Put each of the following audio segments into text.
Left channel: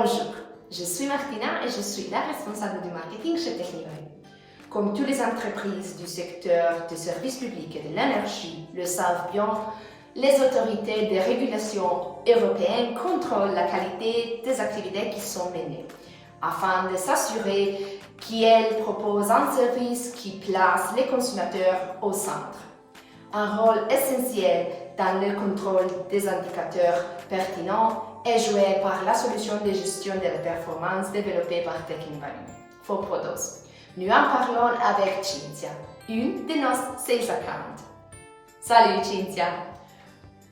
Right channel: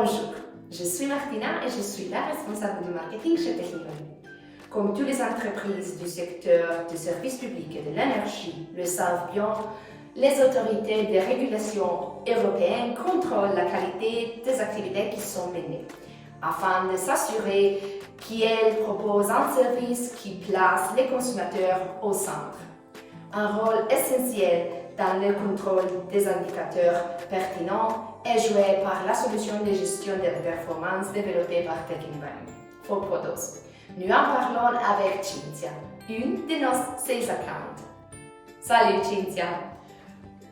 Bonjour, je suis Martina et je suis la responsable du marketing chez Technivalue. Comme toutes les entreprises du secteur du service public et de l'énergie le savent bien, les autorités de régulation européennes contrôlent la qualité des activités qui sont menées, afin de s'assurer qu'elles proposent un service qui place les consommateurs au centre. Un rôle essentiel dans le contrôle des indicateurs pertinents est joué par la solution de gestion de la performance développée par Technivalue, ForProdos. Nous en parlons avec Cinzia, une de nos sales accounts. Salut Cinzia!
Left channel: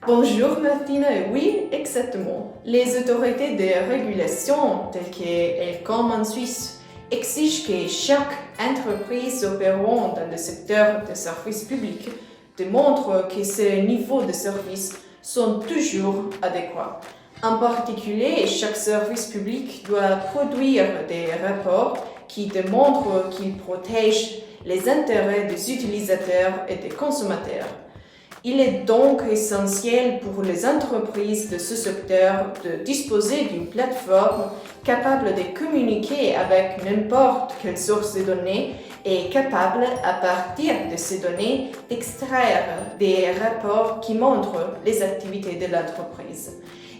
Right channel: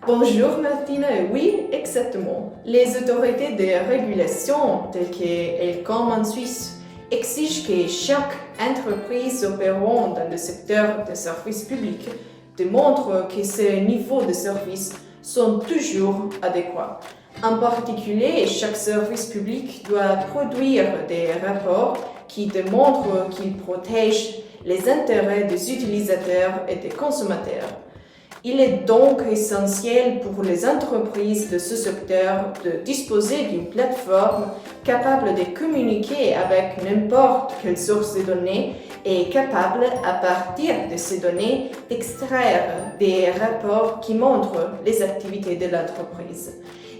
Bonjour Martina, oui, exactement. Les autorités de régulation, telles qu'elles comme en Suisse, exigent que chaque entreprise opérant dans le secteur des services publics démontre que ces niveaux de service sont toujours adéquats. En particulier, chaque service public doit produire des rapports qui démontrent qu'il protège les intérêts des utilisateurs et des consommateurs. Il est donc essentiel pour les entreprises de ce secteur de disposer d'une plateforme capable de communiquer avec n'importe quelle source de données et capable, à partir de ces données, d'extraire des rapports qui montrent les activités de l'entreprise.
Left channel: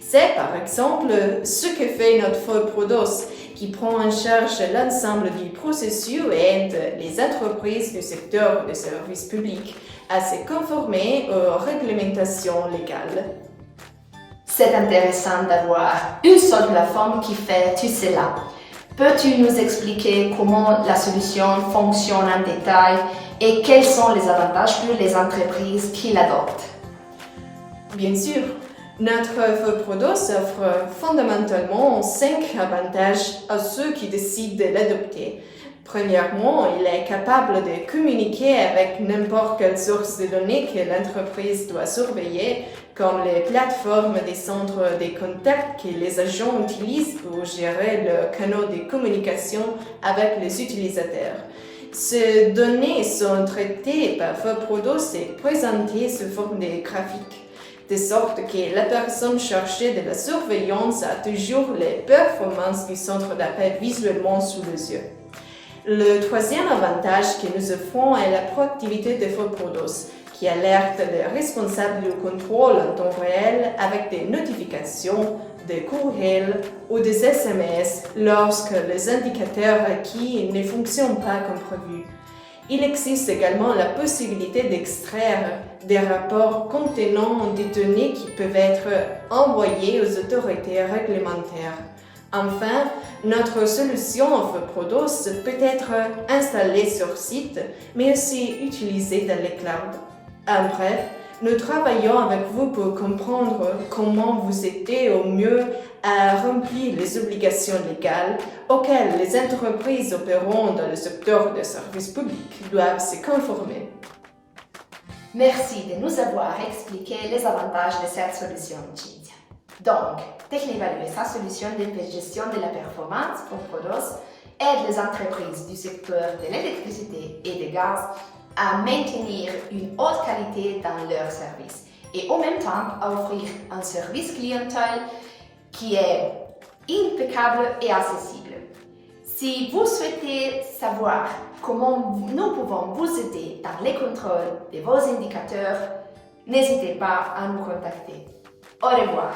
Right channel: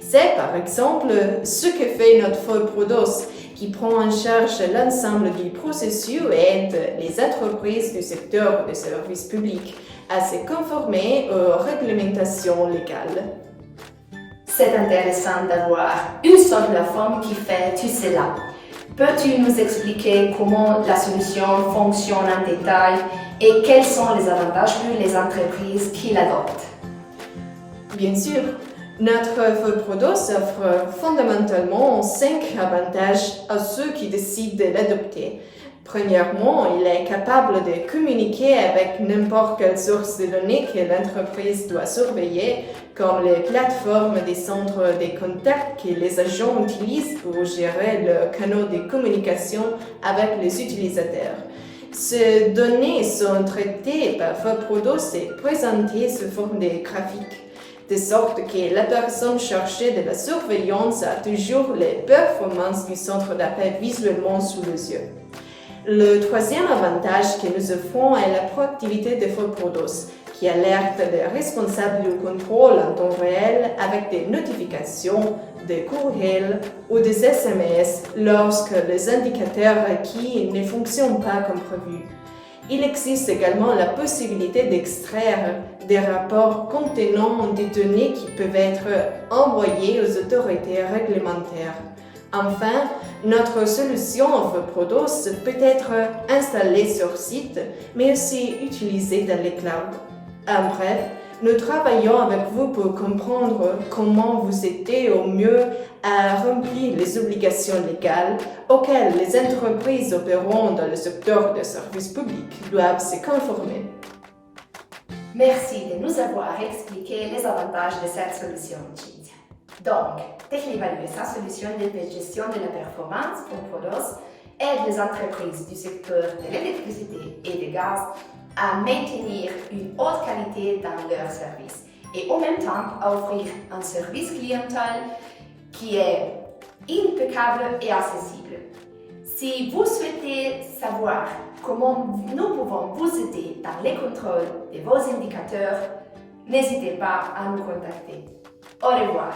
C'est par exemple ce que fait notre ForProdos, qui prend en charge l'ensemble du processus et aide les entreprises du secteur des services publics à se conformer aux réglementations légales. C'est intéressant d'avoir une seule plateforme qui fait tout cela. Peux-tu nous expliquer comment la solution fonctionne en détail et quels sont les avantages pour les entreprises qui l'adoptent? Bien sûr, notre ForProdos offre fondamentalement 5 avantages à ceux qui décident de l'adopter. Premièrement, il est capable de communiquer avec n'importe quelle source de données que l'entreprise doit surveiller, comme les plateformes des centres de contact que les agents utilisent pour gérer le canal de communication avec les utilisateurs. Ces données sont traitées par ForProdos et présentées sous forme de graphiques, de sorte que la personne chargée de la surveillance a toujours les performances du centre d'appel visuellement sous les yeux. Le troisième avantage que nous offrons est la proactivité de ForProdos, qui alerte les responsables du contrôle en temps réel avec des notifications, des courriels ou des SMS lorsque les indicateurs requis ne fonctionnent pas comme prévu. Il existe également la possibilité d'extraire des rapports contenant des données qui peuvent être envoyées aux autorités réglementaires. Enfin, notre solution ForProdos peut être installée sur site, mais aussi utilisée dans les clouds. En bref, nous travaillons avec vous pour comprendre comment vous aidez au mieux à remplir les obligations légales auxquelles les entreprises opérant dans le secteur des services publics doivent se conformer. Merci de nous avoir expliqué les avantages de cette solution, Cinzia. Donc, Technivalue et sa solution de gestion de la performance, ForProdos, aide les entreprises du secteur de l'électricité et du gaz à maintenir une haute qualité dans leurs services et en même temps à offrir un service clientèle qui est impeccable et accessible. Si vous souhaitez savoir comment nous pouvons vous aider dans les contrôles de vos indicateurs, n'hésitez pas à nous contacter. Au revoir.